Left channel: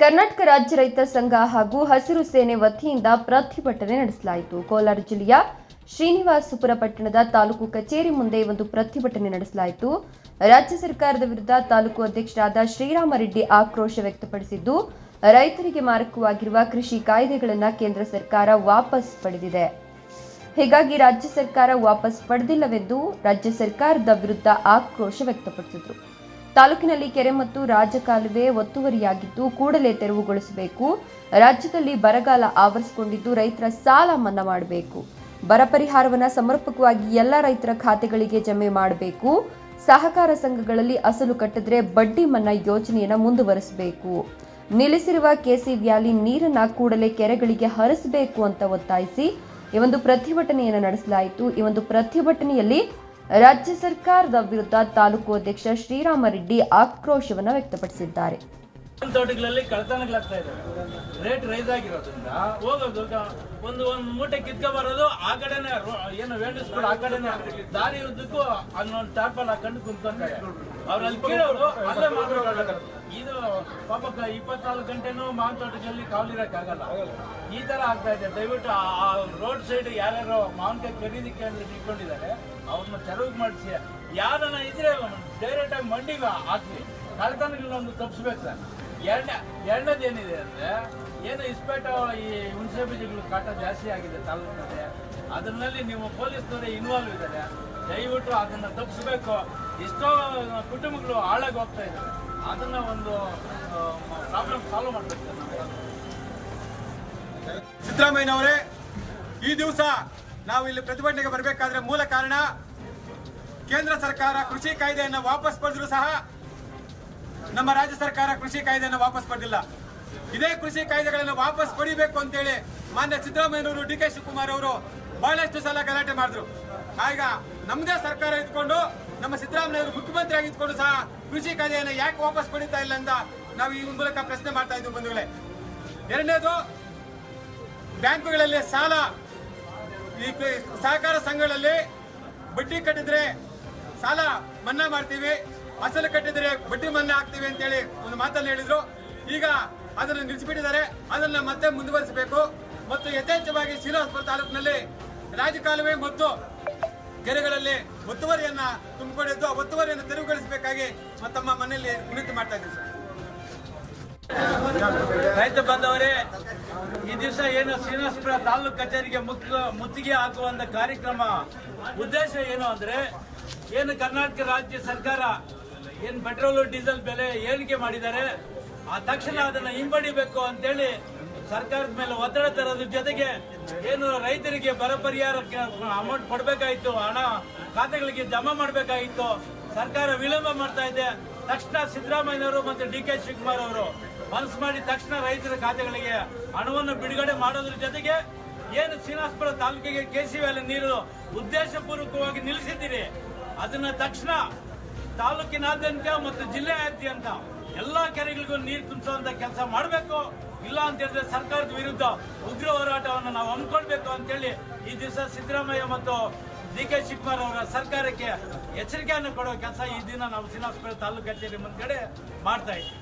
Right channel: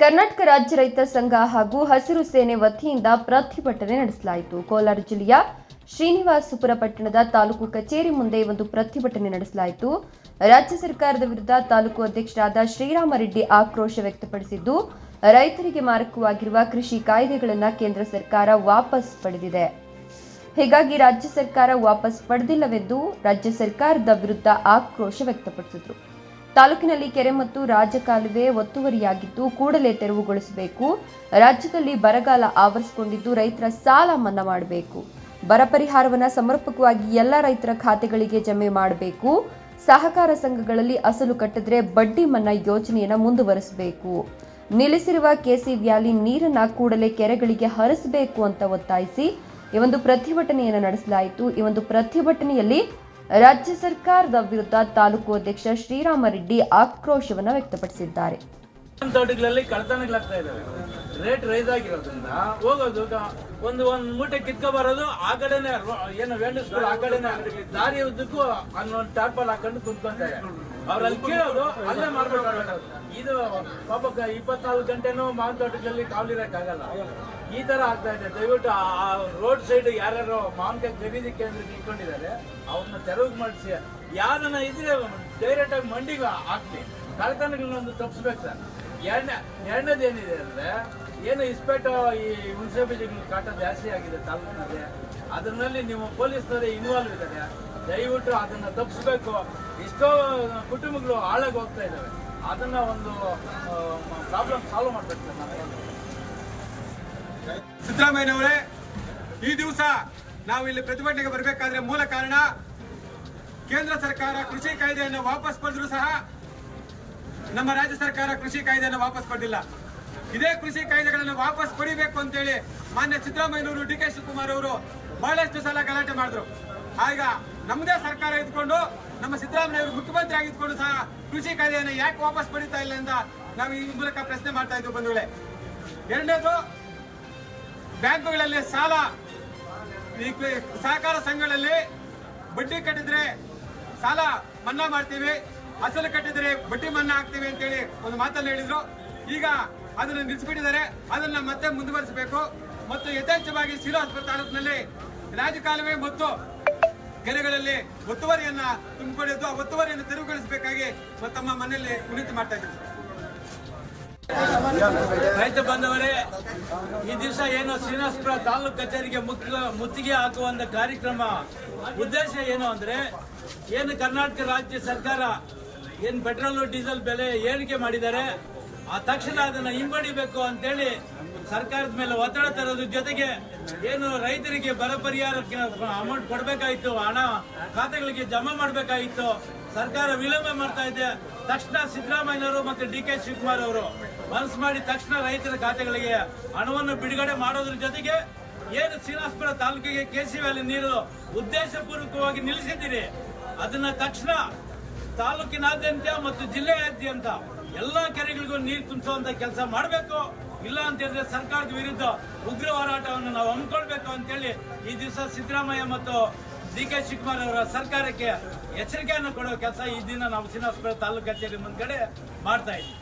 ಕರ್ನಾಟಕ ರಾಜ್ಯ ರೈತ ಸಂಘ ಹಾಗೂ ಹಸಿರು ಸೇನೆ ವತಿಯಿಂದ ಪ್ರತಿಭಟನೆ ನಡೆಸಲಾಯಿತು. ಕೋಲಾರ ಜಿಲ್ಲೆಯ ಶ್ರೀನಿವಾಸಪುರ ಪಟ್ಟಣದ ತಾಲೂಕು ಕಚೇರಿ ಮುಂದೆ ಒಂದು ಪ್ರತಿಭಟನೆ ನಡೆಸಲಾಯಿತು. ರಾಜ್ಯ ಸರ್ಕಾರದ ವಿರುದ್ಧ ತಾಲೂಕು ಅಧ್ಯಕ್ಷರಾದ ಶ್ರೀರಾಮರೆಡ್ಡಿ ಆಕ್ರೋಶ ವ್ಯಕ್ತಪಡಿಸಿದ್ದು, ರೈತರಿಗೆ ಮಾರಕವಾಗಿರುವ ಕೃಷಿ ಕಾಯ್ದೆಗಳನ್ನು ಕೇಂದ್ರ ಸರ್ಕಾರ ವಾಪಸ್ ಪಡೆದಿದೆ. ಹೀಗಾಗಿ ರಾಜ್ಯ ಸರ್ಕಾರ ವಾಪಸ್ ಪಡೆದಿಲ್ಲವೆಂದು ರಾಜ್ಯ ಸರ್ಕಾರದ ವಿರುದ್ಧ ಆಕ್ರೋಶ ವ್ಯಕ್ತಪಡಿಸಿದರು. ತಾಲೂಕಿನಲ್ಲಿ ಕೆರೆ ಮತ್ತು ರಾಜಕಾಲುವೆ ಒತ್ತುವರಿಯಾಗಿದ್ದು ಕೂಡಲೇ ತೆರವುಗೊಳಿಸಬೇಕು. ರಾಜ್ಯದಲ್ಲಿ ಬರಗಾಲ ಆವರಿಸಿಕೊಂಡಿದ್ದು ರೈತರ ಸಾಲ ಮನ್ನಾ ಮಾಡಬೇಕು. ಬರ ಪರಿಹಾರವನ್ನು ಸಮರ್ಪಕವಾಗಿ ಎಲ್ಲ ರೈತರ ಖಾತೆಗಳಿಗೆ ಜಮೆ ಮಾಡಬೇಕು. ಸಹಕಾರ ಸಂಘಗಳಲ್ಲಿ ಅಸಲು ಕಟ್ಟಿದ್ರೆ ಬಡ್ಡಿ ಮನ್ನಾ ಯೋಜನೆಯನ್ನು ಮುಂದುವರಿಸಬೇಕು. ನಿಲ್ಲಿಸಿರುವ ಕೆಸಿ ವ್ಯಾಲಿ ನೀರನ್ನ ಕೂಡಲೇ ಕೆರೆಗಳಿಗೆ ಹರಿಸಬೇಕು ಅಂತ ಒತ್ತಾಯಿಸಿ ಈ ಒಂದು ಪ್ರತಿಭಟನೆಯನ್ನು ನಡೆಸಲಾಯಿತು. ಈ ಒಂದು ಪ್ರತಿಭಟನೆಯಲ್ಲಿ ರಾಜ್ಯ ಸರ್ಕಾರದ ವಿರುದ್ಧ ತಾಲೂಕು ಅಧ್ಯಕ್ಷ ಶ್ರೀರಾಮರೆಡ್ಡಿ ಆಕ್ರೋಶವನ್ನು ವ್ಯಕ್ತಪಡಿಸಿದ್ದಾರೆ. ತೋಟಗಳಲ್ಲಿ ಕಳ್ತನಗಳಾಗ್ತಾ ಇದಾವೆ. ರೇಟ್ ರೈಸ್ ಆಗಿರೋದ್ರಿಂದ ಹೋಗೋದು ಒಂದು ಮೂಟೆ ಕಿತ್ಕೊ ಬರೋದು ಆ ಕಡೆನೆ, ಏನು ವೇಂಡಿ ಸ್ಕೂಲ್ ಆ ಕಡೆನೆ ದಾರಿ ಉದ್ದಕ್ಕೂ ಅನ್ನೊಂದು ಟಾರ್ಪಲ್ ಹಾಕೊಂಡು ಕುಂತ್ಕೊಂತಾರೆ. ಅವ್ರಲ್ಲಿ ಕೀಳೋದು ಅಲ್ಲೇ ಮಾಡ್ಬೇಕಾಗ. ಇದು ಪಾಪ 24 ಗಂಟೆನೂ ಮಾವಿನ ತೋಟಗಳಲ್ಲಿ ಕಾವಲಿರಕ್ಕಾಗಲ್ಲ. ಈ ತರ ಆಗ್ತಾ ಇದೆ. ದಯವಿಟ್ಟು ಆ ರೋಡ್ ಸೈಡ್ ಯಾರ್ಯಾರು ಮಾವಿನಕಾಯಿ ಖರೀದಿ ಕೇಂದ್ರ ನಿಂತ್ಕೊಂಡಿದ್ದಾರೆ ಅವ್ರನ್ನ ತೆರವು ಮಾಡಿಸಿ. ಯಾರನ್ನ ಇದ್ರೆ ಡೈರೆಕ್ಟ್ ಆಗಿ ಮಂಡಿಗೆ ಹಾಕ್ಲಿ. ಕಳ್ತನಗಳನ್ನೊಂದು ತಪ್ಪಿಸ್ಬೇಕು ಸರ್. ಎರಡನೇದೇನಿದೆ ಅಂದ್ರೆ, ಏನು ಇಸ್ಪೇಟು ಈ ಹುಣಸೆ ಬೀಜಗಳು ಕಾಟ ಜಾಸ್ತಿ ಆಗಿದೆ ತಾಲೂಕಿನಲ್ಲಿ. ಅದರಲ್ಲಿ ನೀವು ಪೊಲೀಸ್ನವರೇ ಇನ್ವಾಲ್ವ್ ಇದ್ದಾರೆ. ದಯವಿಟ್ಟು ಅದನ್ನ ತಪ್ಪಿಸ್ಬೇಕು. ಎಷ್ಟೋ ಕುಟುಂಬಗಳು ಹಾಳಾಗಿ ಹೋಗ್ತಾ ಇದ್ದಾವೆ. ಅದನ್ನ ಒಂದು ಪ್ರಾಬ್ಲಮ್ ಸಾಲ್ವ್ ಮಾಡ್ಬೇಕು ಸರ್. ಸಿದ್ದರಾಮಯ್ಯನವರೇ, ಈ ದಿವಸ ನಾವು ಇಲ್ಲಿ ಪ್ರತಿಭಟನೆಗೆ ಬರಬೇಕಾದ್ರೆ ಮೂಲ ಕಾರಣ, ಕೇಂದ್ರ ಸರ್ಕಾರ ಕೃಷಿ ಕಾಯ್ದೆಯನ್ನು ವಾಪಸ್ ಪಡೆದರೂ ಸಹ ನಮ್ಮ ರಾಜ್ಯ ಸರ್ಕಾರ ಕೃಷಿ ಕಾಯ್ದೆಯನ್ನು ವಾಪಸ್ ಪಡೆದಿಲ್ಲ. ಇದೇ ಕೃಷಿ ಕಾಯ್ದೆಗಳನ್ನು ವಾಪಸ್ ಪಡಿಬೇಕು ಅಂತೇಳಿ ಮಾನ್ಯ ಸಿದ್ದರಾಮಯ್ಯನವರು, ಡಿ ಕೆ ಶಿವಕುಮಾರ್ ಅವರು ಬಹಳಷ್ಟು ಸಲ ಗಲಾಟೆ ಮಾಡಿದ್ರು. ಆಗ ನಮ್ಮದೇ ಸರ್ಕಾರ ಇದ್ಕೊಂಡು, ನಮ್ಮ ಸಿದ್ದರಾಮಯ್ಯವರು ಮುಖ್ಯಮಂತ್ರಿ ಆಗಿದ್ಕೊಂಡು ಸಹ ಕೃಷಿ ಕಾಯ್ದೆಯನ್ನು ಯಾಕೆ ವಾಪಸ್ ಪಡಿತಾ ಇಲ್ಲ ಅಂತ ನಾವು ಈ ಮೂಲಕ ಪ್ರಶ್ನೆ ಮಾಡ್ತಾ ಇದ್ವಿ ಬಂಧುಗಳೇ. ಎರಡನೇದು, ಬ್ಯಾಂಕುಗಳಲ್ಲಿ ಸಾಲ, ಈ ಸಹಕಾರ ಸಂಘಗಳಲ್ಲಿ ಬಡ್ಡಿ ಕಟ್ಟಿದ್ರೆ ಸಾಲ ಮನ್ನಾ ಮಾಡ್ತೀವಿ, ಅಸಲು ಕಟ್ಟಿದ್ರೆ ಬಡ್ಡಿ ಮನ್ನಾ ಆಗ್ತೀವಿ ಅಂತೇಳಿ ಒಂದು ಮಾತನ್ನು ಹೇಳಿದ್ರು. ಈಗ ಅದನ್ನು ನಿಲ್ಲಿಸಿಬಿಟ್ಟಿದ್ದಾರೆ. ಅದನ್ನ ಮತ್ತೆ ಮುಂದುವರಿಸಬೇಕು. ಮತ್ತು ಯಥೇಚ್ಛವಾಗಿ ಶ್ರೀನಿವಾಸಪುರ ತಾಲೂಕಿನಲ್ಲಿ ರಾಜಕಾಲುವೆ ಮತ್ತು ಕೆರೆಗಳಲ್ಲಿ ಒತ್ತುವರಿಯನ್ನ ತುಂಬಿಕೊಂಡಿದ್ದು ಆ ಒತ್ತುವರಿಯನ್ನು ತೆರವುಗೊಳಿಸಬೇಕಾಗಿ ತಮ್ಮ ಮನೆಯಲ್ಲಿ ವಿನಂತಿ ಮಾಡ್ತಾ ಇದ್ದೀವಿ. ರೈತ ಬಾಂಧವರೇ, ಈ ದಿವಸ ಏನು ಶ್ರೀನಿವಾಸಪುರ ತಾಲೂಕು ಕಚೇರಿಗೆ ಮುತ್ತಿಗೆ ಹಾಕುವಂತ ಕಾರ್ಯಕ್ರಮ ಉದ್ದೇಶ ಏನು ಅಂದ್ರೆ, ಏನು ಕರ್ನಾಟಕ ರಾಜ್ಯ ಸರ್ಕಾರ ಏನು ಪೆಟ್ರೋಲ್ ಡೀಸೆಲ್ ಬೆಲೆ ಏರಿಕೆ ಮಾಡಿದ್ದಾರೆ, ಆ ತಕ್ಷಣ ಅದನ್ನ ಹಿಂಪಡಿಬೇಕು ಅಂತೇಳಿ ಸರ್ಕಾರದ ಮೇಲೆ ಒತ್ತಡ ತರೋದ್ರ ಜೊತೆಗೆ ಏನು ರೈತರಿಗೆ ಬರ ಪರಿಹಾರಕ್ಕೆ ಅಮೌಂಟ್ ಕೊಡಬೇಕಾಗಿತ್ತು, ಹಣ ಖಾತೆಗಳಿಗೆ ಜಮಾ ಮಾಡಬೇಕಾಗಿತ್ತು, ಸರ್ಕಾರ ವಿಳಂಬ ಮಾಡ್ತಾ ಇದೆ. ತಕ್ಷಣ ಸಿದ್ದರಾಮಯ್ಯನವರು ಮತ್ತು ಡಿ ಕೆ ಶಿವಕುಮಾರ್ ಅವರು ಮನಸ್ಸು ಮಾಡಿ ತಕ್ಷಣ ರೈತರ ಖಾತೆಗಳಿಗೆ ಹಣವನ್ನು ಬಿಡುಗಡೆ ಮಾಡೋದ್ರ ಜೊತೆಗೆ ಏನು ಶ್ರೀನಿವಾಸಪುರ ತಾಲೂಕಿಗೆ ಕೆಸಿ ವ್ಯಾಲಿ ನೀರು ಉದ್ದೇಶಪೂರ್ವಕವಾಗಿ ನಿಲ್ಲಿಸಿದ್ದೀರಿ, ಅದನ್ನ ತಕ್ಷಣ ತಾಲೂಕಿನಾದ್ಯಂತ ಮತ್ತು ಜಿಲ್ಲೆಯಾದ್ಯಂತ ಎಲ್ಲಾ ಕೆರೆಗಳಿಗೂ ನೀರು ತುಂಬಿಸುವಂತ ಕೆಲಸ ಮಾಡಬೇಕು. ಇಲ್ಲ ಅಂತ ಹೇಳಿದ್ರೆ ಸರ್ಕಾರದ ವಿರುದ್ಧ ಉಗ್ರ ಹೋರಾಟವನ್ನು ನಾವು ಹಮ್ಮಿಕೊಳ್ಬೇಕು ಅಂತೇಳಿ ಈ ದಿವಸ ಸಿದ್ದರಾಮಯ್ಯ ಮತ್ತು ಡಿ ಕೆ ಶಿವಕುಮಾರ್ ಅವರ ಸರ್ಕಾರಕ್ಕೆ ಎಚ್ಚರಿಕೆಯನ್ನು ಕೊಡುವ ಕೆಲಸ ಈ ದಿನ ನಾವು ಶ್ರೀನಿವಾಸಪುರ ತಾಲೂಕು ಕಚೇರಿ ಮುಂದ್ಗಡೆ ಮಾಡ್ತಾ ಇದ್ದೀವಿ.